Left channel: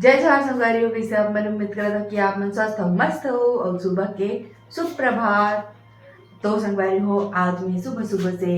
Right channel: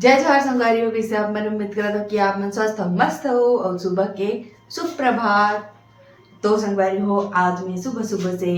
जय जवाहर संगवारी हो कैसे आप। मैंने उम्मीद करा था कि आप मन स्वस्थ हो, मस्त हो और सुबह के सुप्रभात। तो संगवारी हो, आज मैं सुबह सुबह से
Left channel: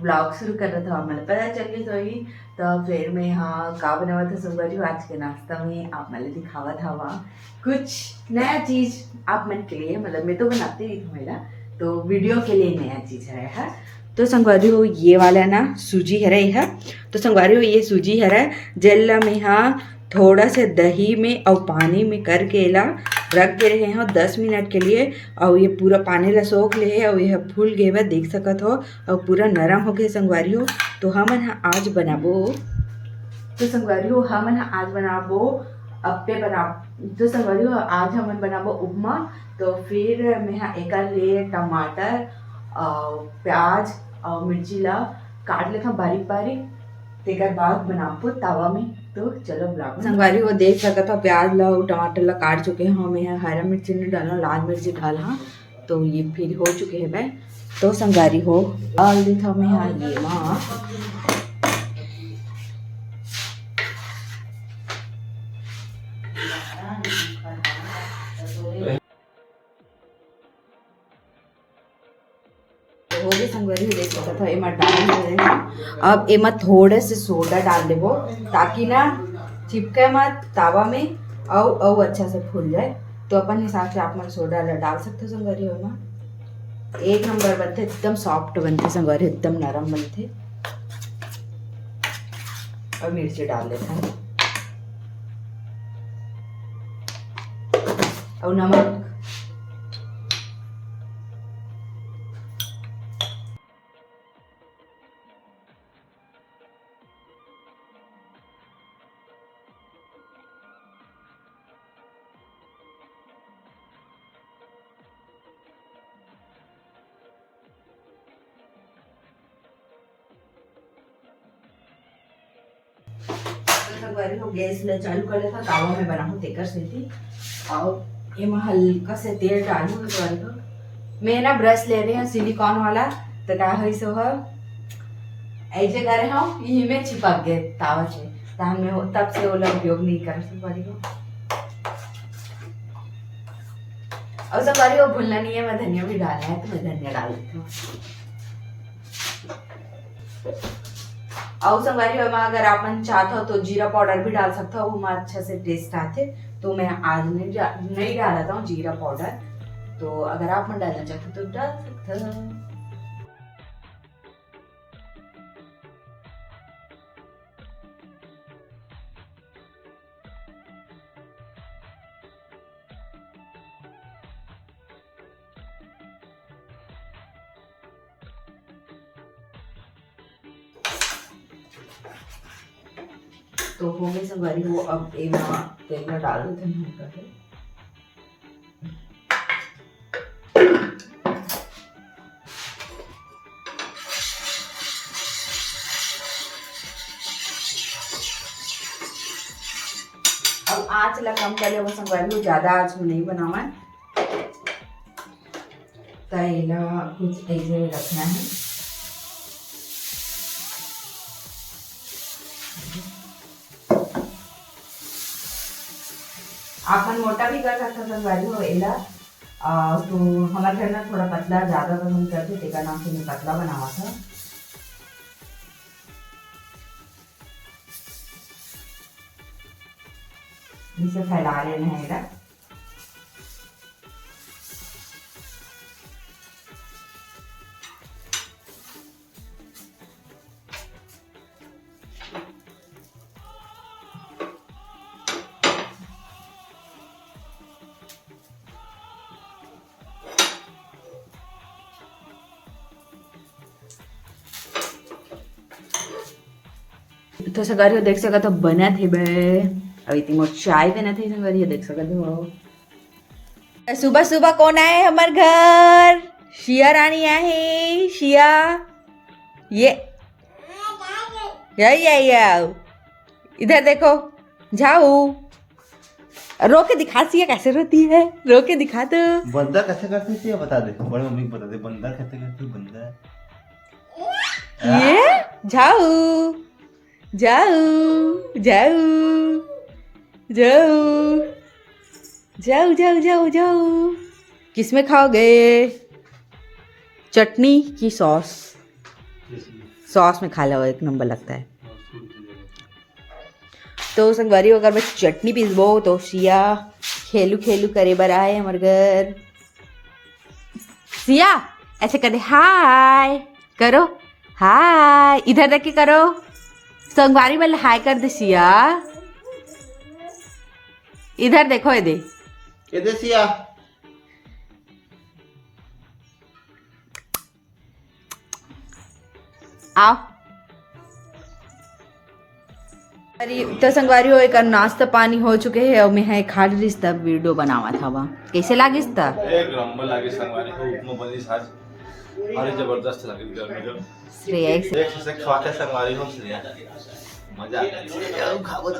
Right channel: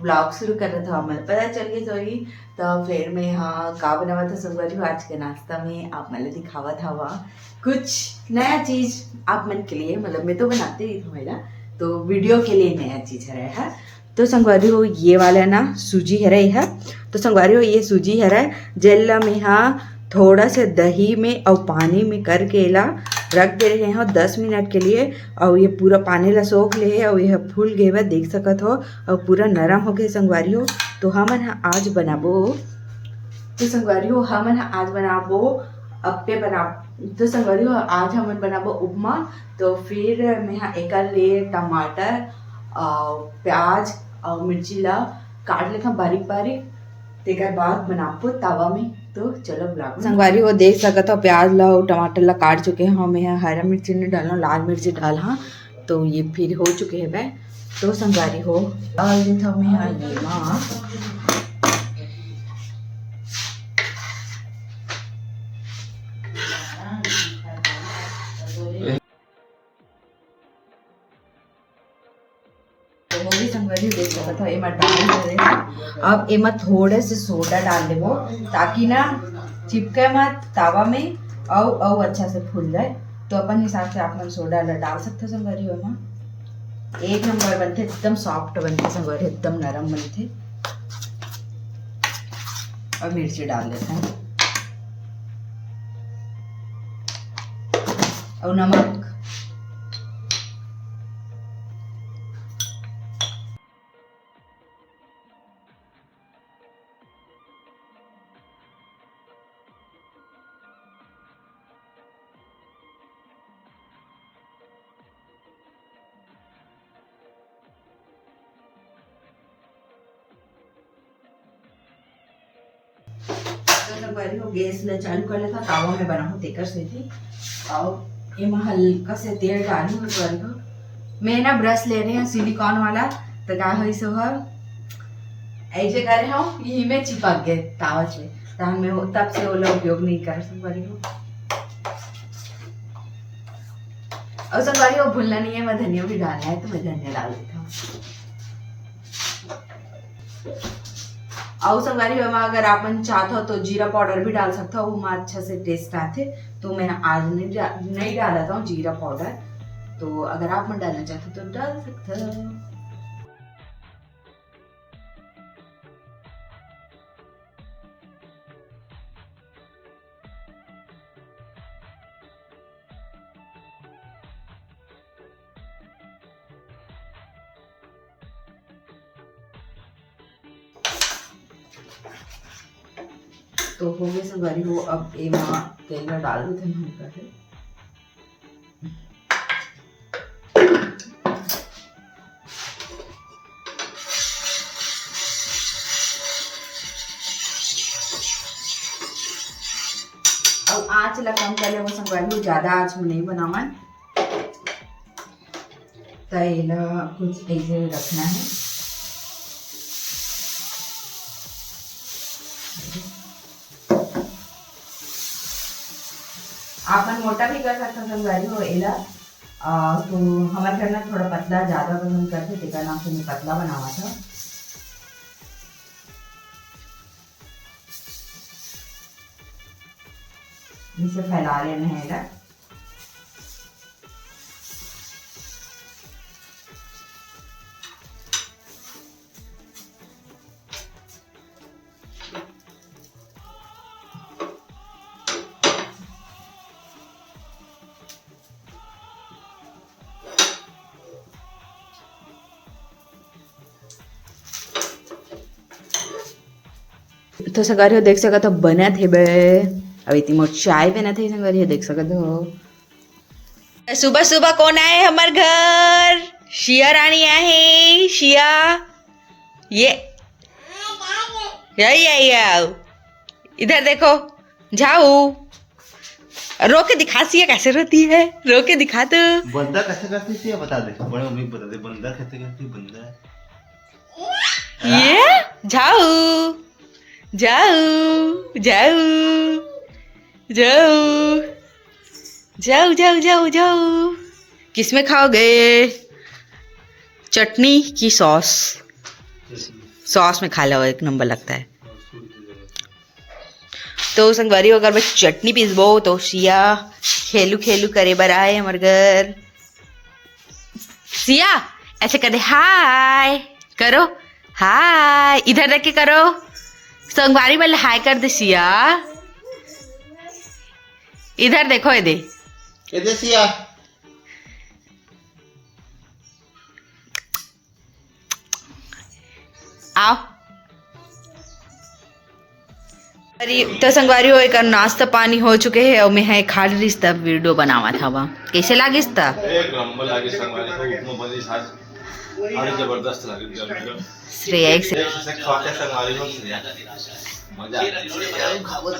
ब्लॉग शुरू कर रहा था, मैंने पता चल गया सोई। तो फिर मैं यहाँ का बनावा था संगवारी हो आज के नाश्ता में, आप मैंने दिखावा था वहाँ कुछ नया चीज़ आप मन के लिए, मतलब मैं तो बनाते ही हूँ मेरा, तो वीडियो के लिए नया चीज़ है। तो संगवारी हो ये वाला ना सूजी है रही है। तो संगवारी हो ये सूजी है जेल में यहाँ थोड़ा से दही में और पानी में करके ला रख दे रहे हैं 10 मिनट के लिए। और ये पूरा पानी ला सोख ले है और यह फूल गए हुआ देख सकत हो और पूरा नरम हो गए संगवारी हो। तो हम आज बनाबो, तो संगवारी हो हम आज बनाबो अप्पे बना। तो संगवारी हो आज हम बनाबो उपमा। तो फिर मैं यहाँ एक ले टमाटर और प्याज और मिर्ची ला काट लेता बारीक बारीक, तेकर बाद बनाबो तावा में। तो चलो ब्लॉग संगवारी हो देख सकत हो प्याज ला और टमाटर ला काट चुके हैं। मैं यहाँ हरा मिर्ची नहीं डाला, लाल मिर्ची डाला, तो ये फिर हो चुके हैं वह। तो संगवारी हो डाल देता हूँ मैं यहाँ ये वहाँ संगवारी देख सकत हो एमा डाल। अब एमा थोड़े से सोडा डाल देबो ताकि ना चिपके मत तावा में और अच्छा से फूल जाए। तो अपन हिसाब से आप मन सोडा डाल सकते हो संगवारी हो। एमा एक नंबर बनते, एकदम सॉफ्ट बनते संगवारी, एकदम नरम बनते। और मिर्ची डाल लेते हैं और नमक। संगवारी हो गैस ला चालू कर लेता, तावा में बनाऊं तेकर से थी। और एमा हल्का से तेल डालूं संगवारी हो। मैं ना ब्रश ले रही हूँ सिलिकॉन वाला, तो का हो सो है ऐसे करे हम यही में चिपक गए तावा से, तान में तब से वो लोग उपयोग नहीं कर संगवारी हो। और संगवारी हो भूलना नहीं है, मैं धनिया भी डालना है, तो मैं धनिया डाल देती हूँ। और संगवारी हो अगर आप चाहते हो तो जीरा पाउडर भी डाल सकते हो, वो अच्छा से टेस्ट आते। तो मैं आज नहीं डाला था जीरा पाउडर, तो अगर आप मन डालना चाहते तो डाल सकते हो। तो हो गए संगवारी हो, अब एमा तेल में डाल देते हैं हल्का से। अब आँच ला कम कर ले संगवारी हो, ज्यादा आँच में नहीं बनावा, तेल कुछ ऐसे रखना है। आपन मोटा भी कर सकते हो संगवारी हो एला। तो हमारे घर में थोड़ा पतला ज्यादा पसंद करते, तेका नाम से मैं पतला बनावा था। इसे फैला लेना है एला। तो संगवारी हो देख सकत हो बना थे बे, अब इतनी मोट चाय बना थे संगवारी हो देख सकत हो। सुबह सुबह कौन आए हमार घर? शिया रानी आए। शिया ये यही आओ इधर देखो, जाओ रो के दिखा सिया कैसे रोती है, रो के दिखा तो। बंदा कैसे करती थी बता दे, बड़े मम्मी बता दे बंदा कैसे करती बंदा। ये जाओ जाओ जाओ जाओ जाओ जाओ जाओ जाओ। किसमें खाओगे? चटनी की सॉस? सॉस में खा लो, एक नंबर लगता है। तो संगवारी अगर मैं चटनी पीसबो तो सिया खेलू खेलू करे बर आए हमारे घर। सिया ऐसे कर दे, हाय करो, हाय इधर रख के करो। संगवारी में हाय कर दे सिया, इधर देखो, ये दे सिया। आओ। तो संगवारी हो एक नाश्ता पानी हो चुके हैं और मैं है खा रही तब वीडियो बनावा था। वहाँ कैसे लागिस था? एक नंबर लागे संगवारी को, उपमा बनी साज और जबरदस्त लागे गर्मी का। श्रेया से खाते संगवारी हो श्रेया मजा आ खावत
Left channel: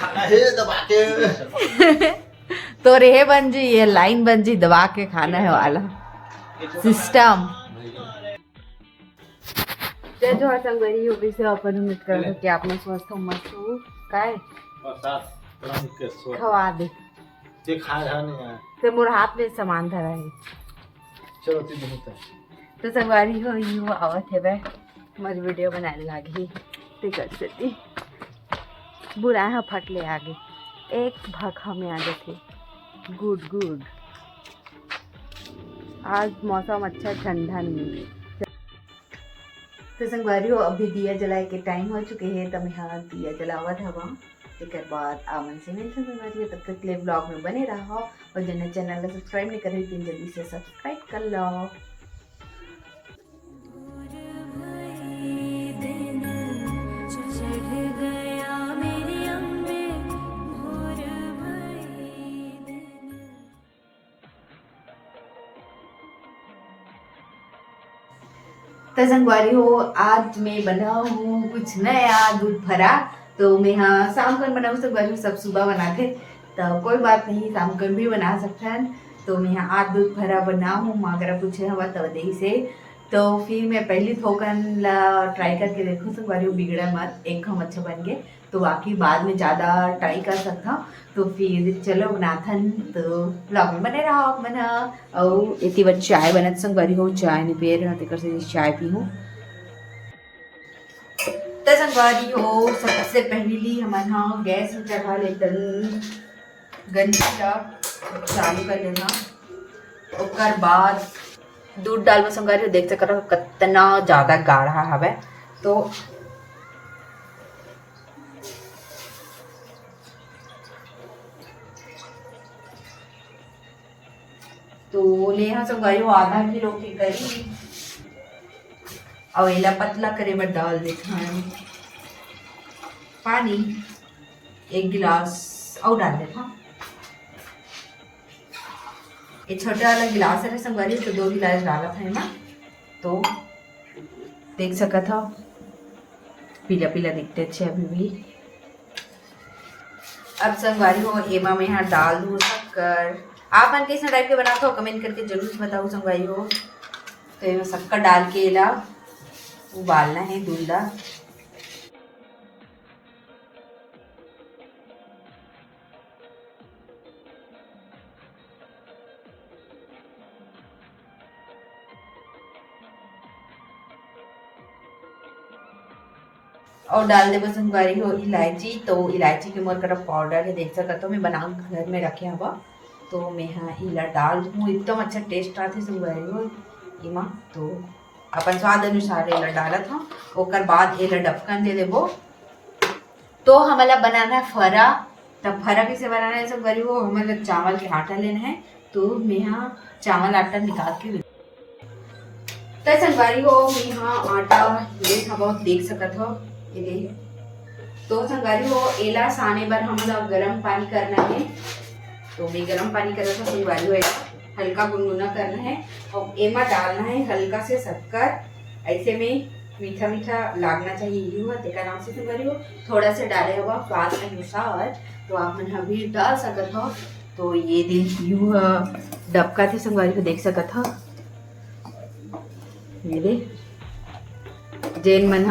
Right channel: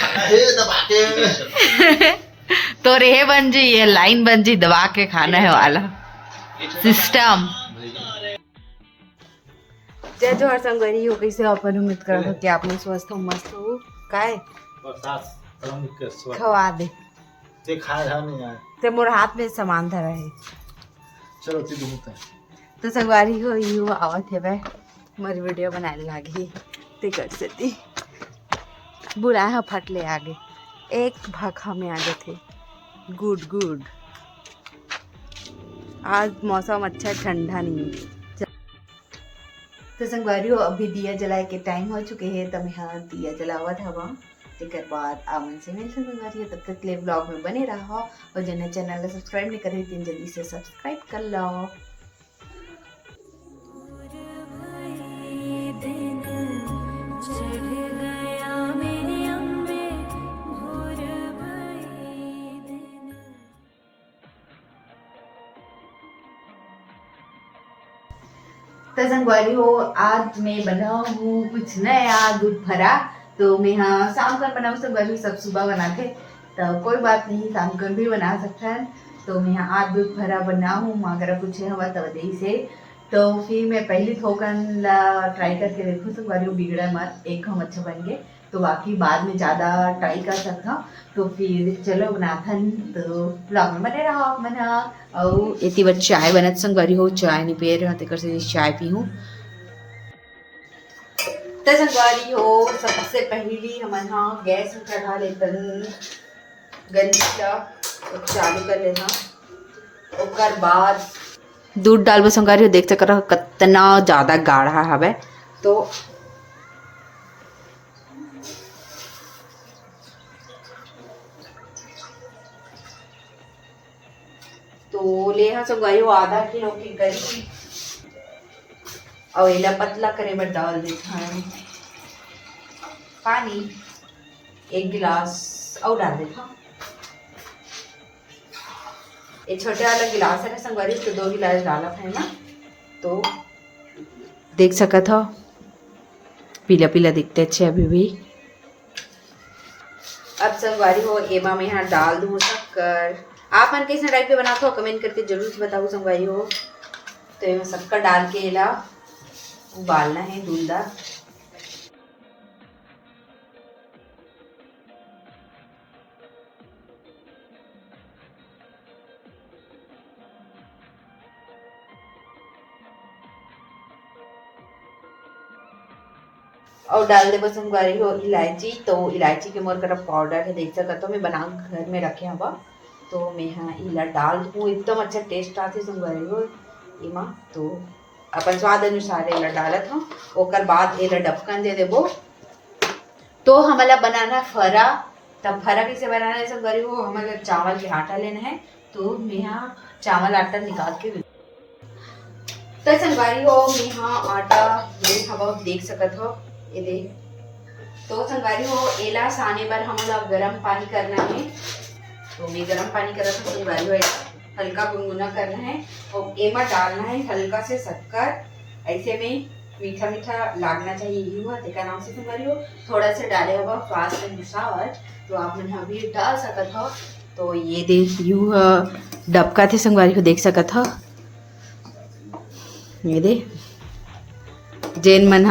हे दबा के तो रे बन जी, ये लाइन बन जी, दबा के खाना है वाला सिस्टम। जय जोहार संगवारी हो, कैसे अपन उम्मीद कर रहे हो कि आप में स्वस्थ हो, मस्त हो। काय खवा दे ते खा रहा नहीं यार, ते मोर हाथ में सामान धरा है। चलो ती दिन तो संगवारी हो यू आवत है बे मर वीडियो बनाने लागी ते कर सकती बुला हा फट ले आगे एक भाखा में आगे थे। Good good. आज मौसम अच्छा, ठंडा नहीं है। तो संगवारी हो अभी दिया जलाए के टाइम हो चुके हैं, तो मैं हाँ दिया जलावा था वहाँ। एक बाद आमन से मिलते संगवारी, तब तक ले ब्लॉग में बने रहो और जिन्हें चैनल सब्सक्राइब नहीं कर रही थी जल्दी से सब्सक्राइब कर लो। तो संगवारी हो आज मैं बना हूँ कुछ नया दूध भरा। तो मैं हाँ शाम को बनाऊँ, संगवारी सब सुबह बनाते तो कोई बात नहीं, शाम को भी बना सकते हैं। तो मैं यहाँ आज दूध भरा बना हूँ, माँ अगर कुछ हवा तो दही से। तो फिर मैं पहली थोकन ला ट्राई करके देखूँ संगवारी हो, बिगड़ा मत, एक हम अच्छा बन गए तो बाकी बाद में ज़्यादा ट्राई कर सकता। तो फिर चलो बनाथन, तो ब्लॉग में बने रहो मना। और इतनी बार चाय बनत संगवारी हो, चाय नहीं पी रहे तेकर से चाय पी हूँ। तो संगवारी हो सबसे पहली हमारे यहाँ गैस में चढ़ा लेते गंजी का चालू कर लेना, और बाद दूध डाल संगवारी हो देख सकते हो कितना ज़्यादा गाढ़ा हवे। तो ले हाँ संगवारी हो आधा किलो की करी और इला पतला करे में डाल देता है पानी, 1 गिलास और डाल देता। ये छोटे वाला गिलास है ना संगवारी, तो 2 गिलास डाला था ना, तो देख सका था पीला पीला दिखते अच्छे अभी भी। अब संगवारी हो एमा में यहाँ डाल दूँ शक्कर। आप मन कैसे टाइप के बनाते हो कमेंट करके जरूर बताओ संगवारी हो। तो ये शक्कर डाल के ला उबालना है दूल्हा। और डाल दे बस संगवारी हो इलायची। तो इलायची के मोर तरफ पाउडर है, देख सकते हो मैं बना घर में रखे हवा। तो मैं हाँ इला डाल दूँ, एकदम अच्छा टेस्ट आते संगवारी हो इमा। तो अपन स्वाद अनुसार इला डाला था, ओकर बाद इला ढक्कन दे देबो। तो हमारा बनाना फरा। तब फरा कैसे बनाना है संगवारी हो, हमारा चावल के आटा लेना है। तो मैं यहाँ चावल आटा निकाल के तो संगवारी हो मैं यहाँ आटा ले हवा देख सकत हो ये। तो संगवारी हो एला साने पर हमारा गर्म पानी करना है। तो मैं गर्म पानी कर रहा था संगवारी हो, हल्का गुनगुना करना है। तो एमा डालना है हल्का से शक्कर, ऐसे में मीठा मीठा लागना चाहिए यूँ है तेका नाम से संगवारी हो। थोड़ा सा डाले हुआ स्वाद अनुसार, तो आप मन अभी डाल सकत हो। तो ये देख यूँ डबका थे संगवारी हो देख सकत हो, ये दे जेन मन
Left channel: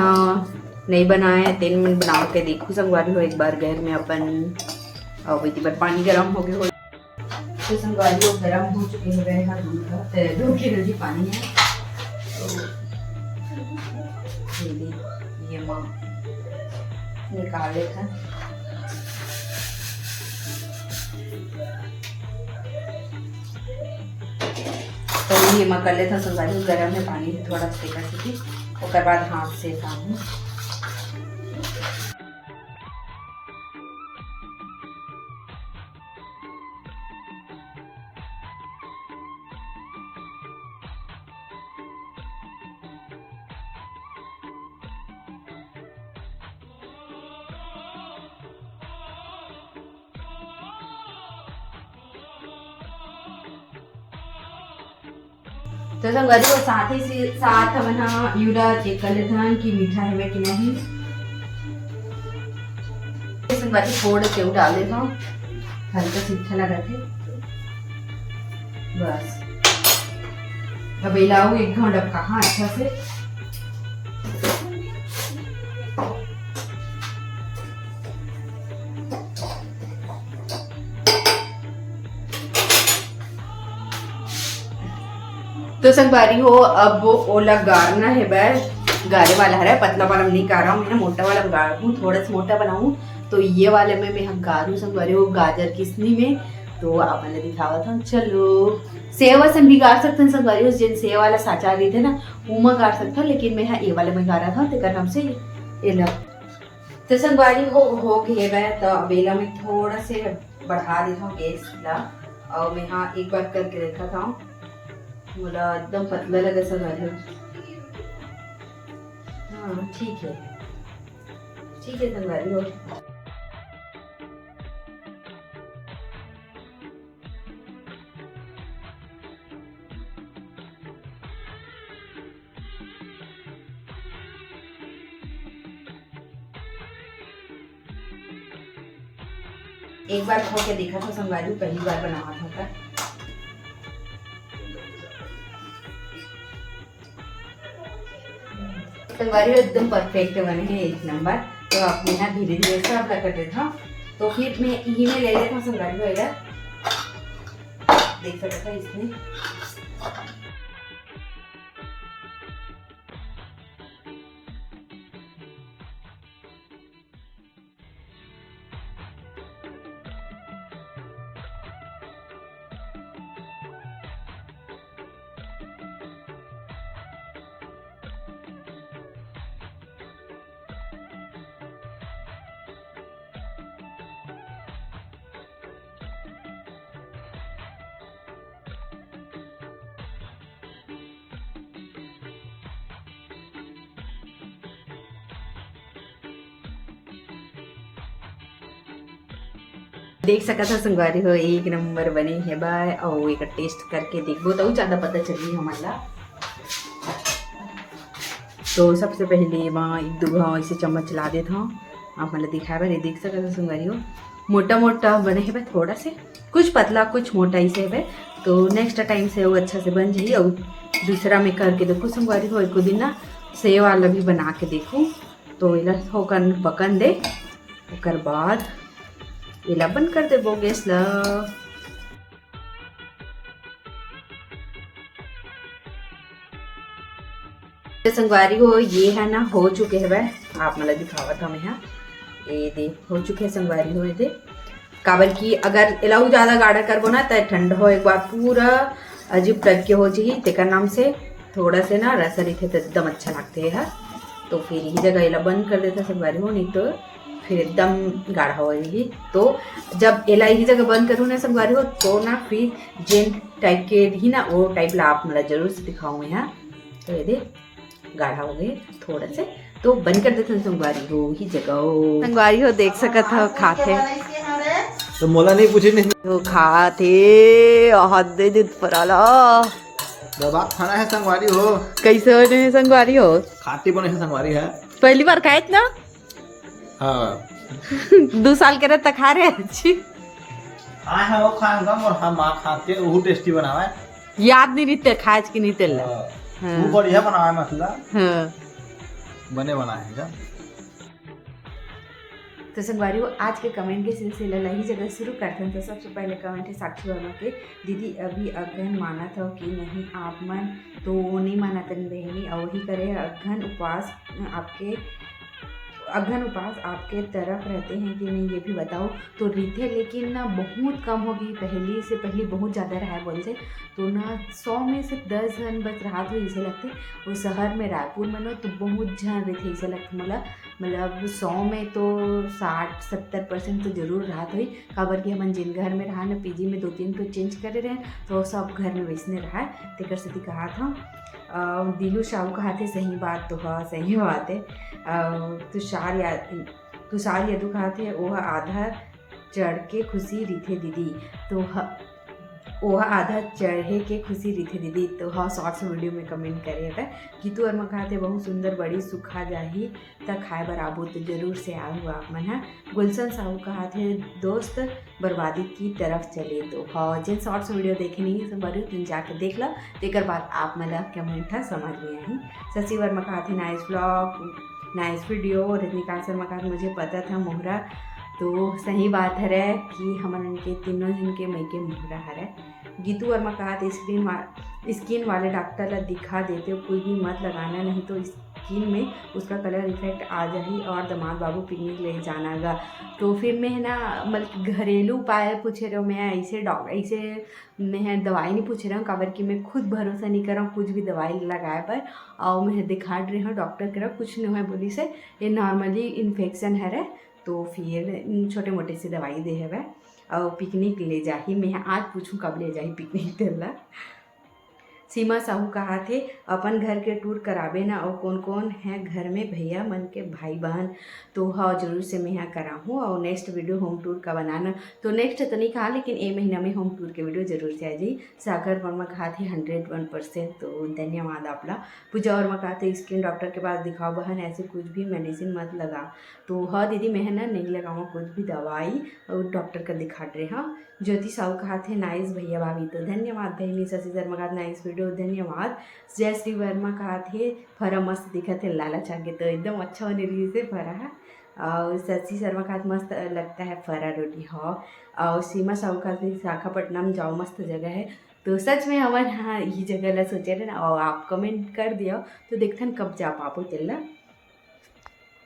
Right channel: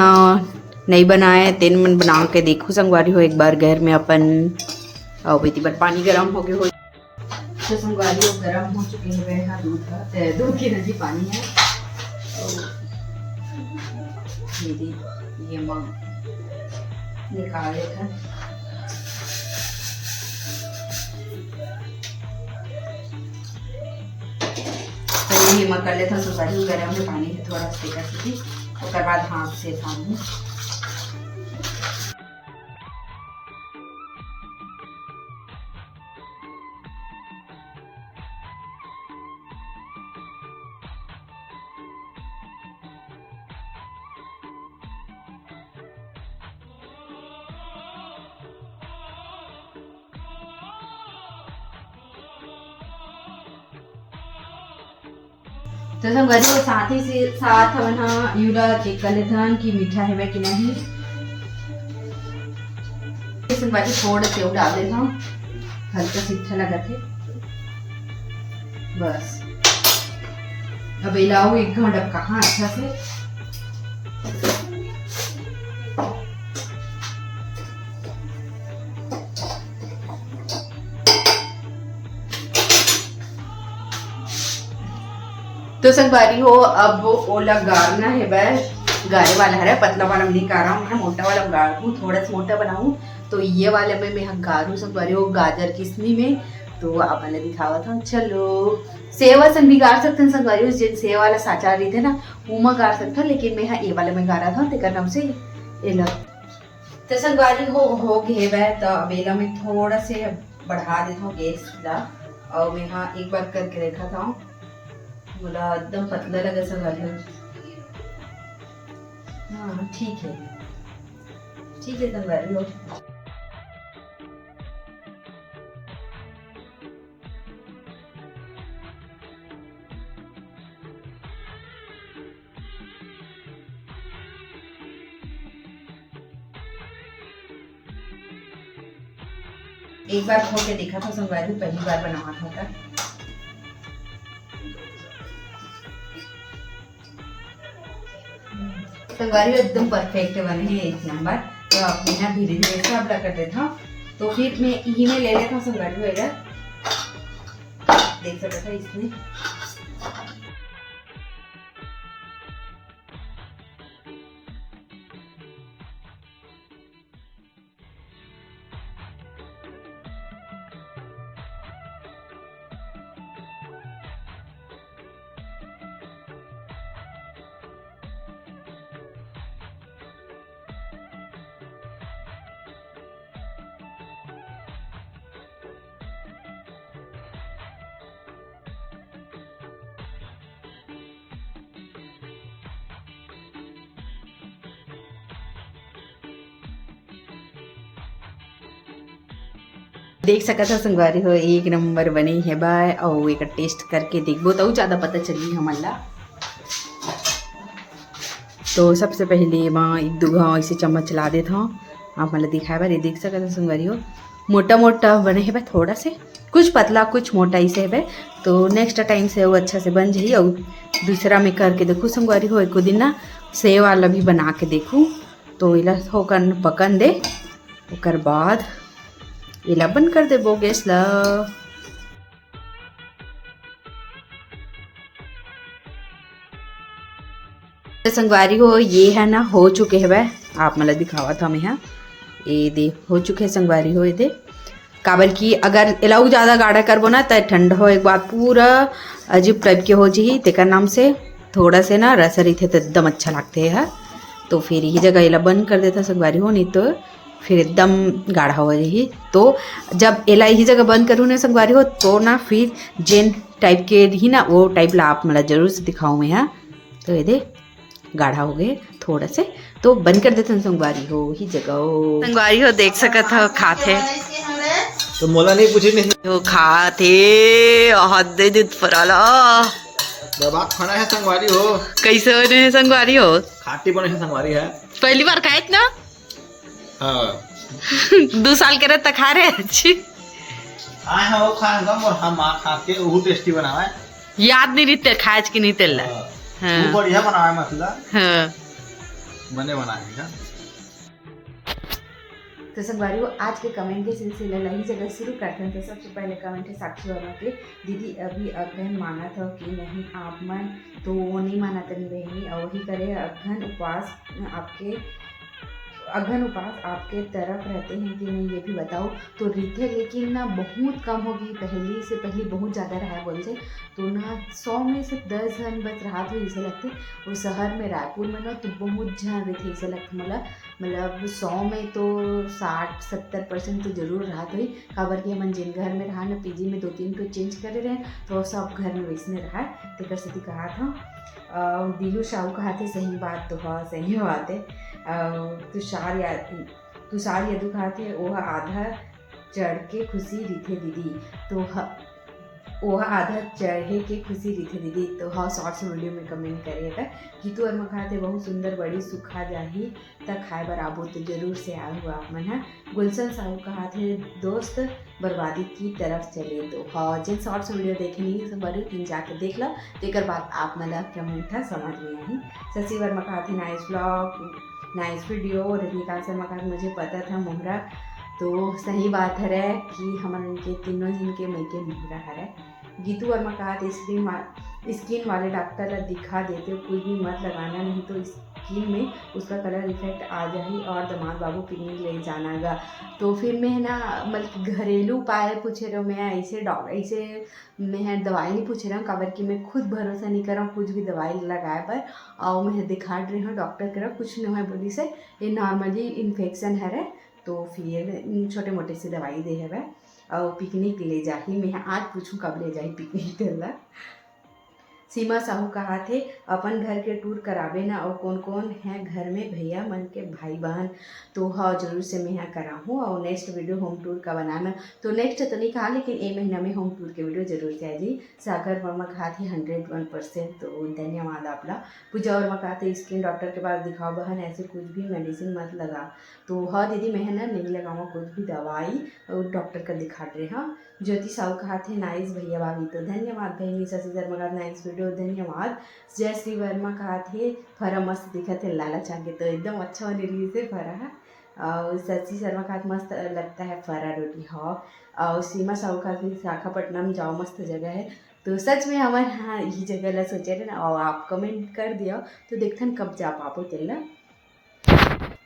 नहीं बनाया तेन मन बना के देखो संगवारी हो एक बार घर में अपन और बेटी पर पानी गर्म हो गया हो तो संगवारी हो गर्म हो चुके हैं यहाँ दूध की नदी पानी है तो ये माँ निकाल देता तो ये मैं कर लेता संगवारी गर्म में पानी थोड़ा सेका सीखी और बाद हाथ से पानी तो संगवारी वो साथ ही से साथ वहाँ यूरा चेक कर लेते हैं कि मीठा है कि नहीं। संगवारी थोड़ा सेव डाल देता हूँ हल्का सीठा लगा के बस। अब हिलाओ 1 घंटा कहाँ अच्छा से तो संगवारी हो अब वो ओला गारना है वह गारे वाला है पतला वाला नहीं गा रहा हूँ मैं मोटा वाला गाड़ हूँ थोड़ा सा मोटा बनाऊँ तो ये वाले में मैं गारूँ संगवारी हो गाजर किसनी में तो आप मैंने दिखावा था। चलो सेव सन भी गाड़ सकते हैं संगवारी हो जिन सेव वाला साचा रही थे ना वो मैं गाड़ सकता लेकिन मैं यहाँ ये वाले में गा रहा था तेकर नाम से एला तो संगवारी हो गए वह तो अबेला में थोड़ा से बढ़ा देता हूँ गैस ला और मैं यहाँ एक बार करके देखा था बोला एकदम पतला लगा संगवारी हो। हाँ ठीक है संगवारी हो। एक बार खो के देखा था संगवारी पहली बार बनाया था संगवारी एकदम परफेक्ट बने हैं 1 नंबर। तो अपने यहाँ धीरे धीरे से आप कर देता तो फिर मैं यही में ले लेता संगवारी हो देख सकता था इसमें देख सका था संगवारी हो 1 नंबर बने है बाय और एक टेस्ट करके देखो तो ज़्यादा पता चली हमारा। तो सबसे पहले मैं 1-2 घाव ऐसे चम्मच ला देता हूँ आप मतलब दिखाया बार ये देख सका था संगवारी हो मोटा मोटा बने है भाई थोड़ा से कुछ पतला कुछ मोटा ही से है तो नेक्स्ट टाइम से वो अच्छा से बन जाइए और दूसरा में करके देखो संगवारी हो एक दिन ना सेव वाला भी बना के देखूँ तो इला होकर पकन दे उसके बाद इला बंद कर दे वो गैस ला। तो संगवारी हो ये है ना हो चुके हैं वह आप मतलब दिखावा था मैं यहाँ ये दे हो चुके हैं संगवारी हो ये दे काबल की अगर इलाऊ ज़्यादा गाढ़ा करबो ना तो ठंड हो एक बार पूरा अजीब टाइप के हो जी तेकर नाम से थोड़ा से ना रसरी थे तो एकदम अच्छा लगते है तो फिर ये जगह इला बंद कर देता संगवारी हो नहीं तो फिर एकदम गाढ़ा हो जाएगी। तो जब एला ही जगह बंद करूँ ना संगवारी हो तो ना फिर जेन टाइप के ही ना वो टाइप ला आप मतलब जरूर से दिखाऊँ मैं यहाँ तो ये दे गाढ़ा हो गए थोड़ा से तो बंद कर देते हैं संगवारी हो ही जगह संगवारी हो देख सका था खाते तो मोला नहीं पूछे नहीं तो खाते हद दूध फराला दबा खाना है संगवारी हो कैसे बने संगवारी हो खाटी बने है संगवारी है पहली बार खाए ना हाँ 2 साल के रहता खा रहे अच्छी आए हैं वो खाएंगा और हम खा के वो टेस्टी बनावा है याद नहीं रहते खाए कि नहीं तेल वो बढ़िया बनावा है मसला हाँ बने बनाएगा तो संगवारी आज के कमेंट के सिलसिले ला ही जगह शुरू करते हैं। तो सबसे पहले कमेंट है साक्षी वर्मा के, दीदी अभी अगहन माना था कि नहीं आप मन तो नहीं माना तनी बहनी और वही करे अगहन उपवास आपके तरफ रहते हैं कि नहीं ये भी बताओ। तो रीते लेकिन ना बहुत कम होगी, पहले बहुत ज़्यादा रहा है बोल से, तो ना 100 में से 10 जन बस रहा तो ऐसे लगते। वो शहर में रायपुर में ना तो बहुत जन रहते ऐसे लगते, मतलब 100 में तो 60-70% तो जरूर रहा तो ही। खबर कि हम जिन घर में रहा ना पीजी में 2-3 तो चेंज करे रहे तो सब घर में वैसने रहा है। तेकर सती कहा था दिलू शाहू कहा थे सही बात तो हाँ सही बात है। तुषार यदु कहा थे वह आधा चढ़ के खुशी रीथे दीदी, तो वह आधा चढ़े के खुशी रीथे दीदी। तो हाँ शॉर्ट्स वीडियो में कमेंट करिएगा। गीतू वर्मा कहा थे बहुत सुंदर बड़ी सुखा जाही तक खाए बराबो, तो जरूर से आए हुआ आप मन है। गुलशन साहू कहा थे दोस्त बर्बादी की तरफ चले। तो हाँ जिन शॉर्ट्स वीडियो देखे नहीं सब बड़ी तीन जाके देख लो, देकर बाद आप मतलब कमेंट था समझ में आई। शशि वर्मा कहा थे nice vlog nice video. Rajinikanth Sharma कहा मुझे पता था मोहरा, तो सही बात है कि हमारे उनके तीनों दिन के मैके मोहरा है। गीतू वर्मा कहा था स्किन वाले डॉक्टर ला दिखा देते हो, कोई भी मत लगाना नहीं तो स्किन में उसका कलर इफेक्ट आ जाही और दामाद बाबू पिकनिक ले जानागा। तो फिर मैं ना मतलब घरेलू उपाय पूछे रहा हूँ, मैं ऐसे मैं दवाई नहीं पूछ रहा हूँ, काबर कि मैं खुद भरोसा नहीं कर रहा हूँ कुछ भी दवाई लगाए पर। और मैं दिखा रही हूँ डॉक्टर के कुछ नहीं है बोली से, ये नॉर्मली इन्फेक्शन है। तो फिर छोटे मोटे से दवाई दे है और पिकनिक ले जाही। मैं आज पूछूं कब ले जाही पिकनिक तेला। सीमा साहू कहा थे अपन घर के टूर कराबे ना, और कौन कौन है घर में भैया मन के भाई बहन। तो हाँ जरूर से मैं यहाँ कराऊँ और नेक्स्ट वीडियो होम टूर का बनाना। तो नेक्स्ट तो नहीं कहा लेकिन एक महीना में होम टूर के वीडियो जरूर से आ जाए। सागर वर्मा कहा थे 101%, तो धन्यवाद आपला। पूजा वर्मा कहा थे स्किन डॉक्टर के पास दिखाओ बहन, ऐसे कुछ भी मेडिसिन मत लगा। तो हाँ दीदी मैं ना नहीं लगाऊँ कुछ भी दवाई, और डॉक्टर का दिखा रहे। हाँ ज्योति साहू कहा थे नाइस भैया भाभी, तो धन्यवाद बहनी। शशि शर्मा कहा नाइस वीडियो, धन्यवाद। जयश्री वर्मा कहा थे फरा मस्त दिखा थे लाला चाके, तो एकदम अच्छा होने रही से फरा है। और शशि शर्मा कहा मस्त लगता है फरा रोटी। हाँ और सीमा साहू कहा थे विशाखापट्टनम जाओ मस्त जगह है। तो सच में हमारे हाँ ये जगह ला सोचे रहे ना, और आप कमेंट कर दिया तो देखथन कब जा पापो तेला।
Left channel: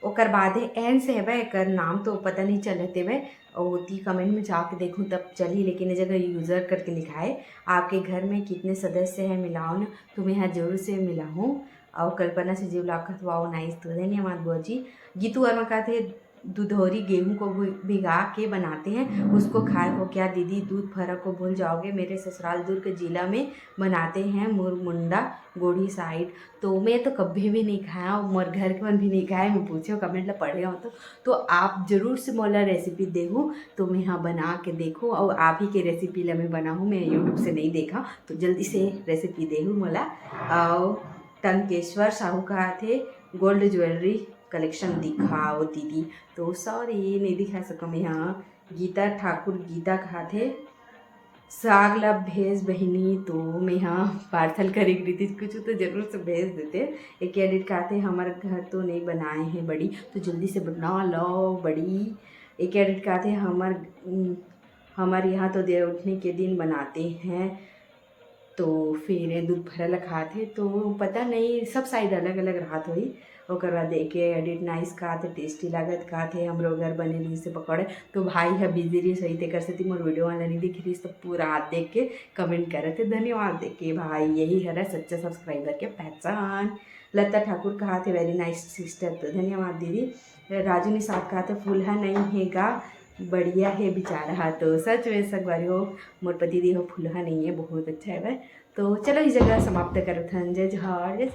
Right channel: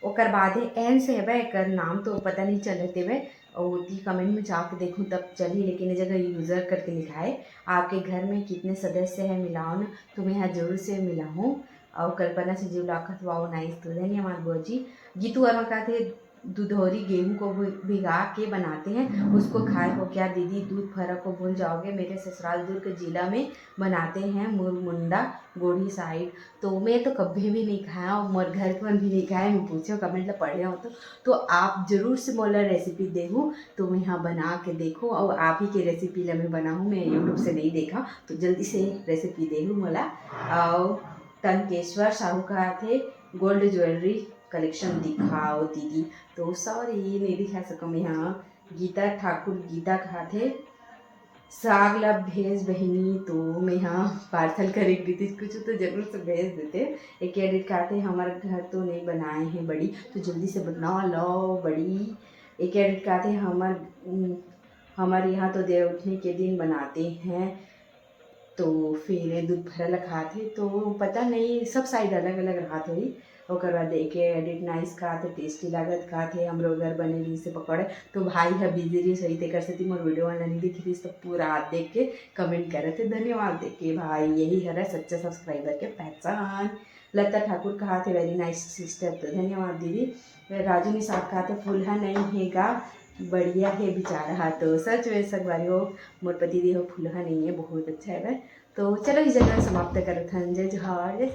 ओकर बाद एन से है एक नाम तो पता नहीं चलते वे, और ती कमेंट में जाके देखूँ तब चली, लेकिन ये जगह यूज़र करके लिखा है आपके घर में कितने सदस्य हैं मिलाओ ना, तो मैं यहाँ जरूर से मिला हूँ। और कल्पना से जीव लाखत वाओ नाइस, तो धन्यवाद बुआ जी। गीतू वर्मा कहा थे दुधौरी गेहूं को भिगा के बनाते हैं उसको खाए हो क्या दीदी, दूध फर्क को भूल जाओगे, मेरे ससुराल दुर्ग जिला में बनाते हैं मुरमुंडा गोढ़ी साइड। तो मैं तो कभी भी नहीं खाया और मोर घर के मन भी नहीं खाया, मैं पूछो कमेंट ला पढ़े हो तो आप ज़रूर से मोला रेसिपी देखूँ तो मैं यहाँ बना के देखूँ, और आप ही के रेसिपी ला मैं बनाऊँ, मैं यूट्यूब से नहीं देखा तो जल्दी से रेसिपी देखूँ मोला। और टंकेश्वर साहू कहा थे गोल्ड ज्वेलरी कलेक्शन दिखाओ दीदी, तो सॉरी नहीं दिखा सको मैं यहाँ। गीता ठाकुर गीता कहा थे साग ला भेज बहिनी, तो मैं यहाँ पार्सल करे रही कुछ तो जरूर से भेज देते। एक एडिट कहा थे हमारे घर तो नहीं बनाए हैं बड़ी, तो जल्दी से बना लो बड़ी। एक एडिट कहा थे हमारे यहाँ तो देर उठने के दिन बनाते हैं, तो फिर दूध भरल खाते, तो पता नहीं सब साइड अलग अलग राहत हुई। ओकर बाद एक एडिट नाइस कहा थे टेस्टी लागत कहा थे हम लोग घर बने रही से पकौड़े। तो भाई है बिजी रही सही ते कर सकती मोर वीडियो वाला नहीं दिख रही, तो पूरा हाथ देख के कमेंट कर रहे थे, धन्यवाद देख के भाई, यही है सच्चा सब्सक्राइबर के पहचान। लता ठाकुर कहा थे वेरी नाइस सिस्टर, तो धन्यवाद दीदी। राजू निषाद कहा थे फूल्हा नहीं हैगा बढ़िया है बेचारा, तो सच में सगवारी हो मोर पति दी हो फूल्हा नहीं है बहुत अच्छा है। तो चलो इस जगह समाप्त करत हन, जय जोहार।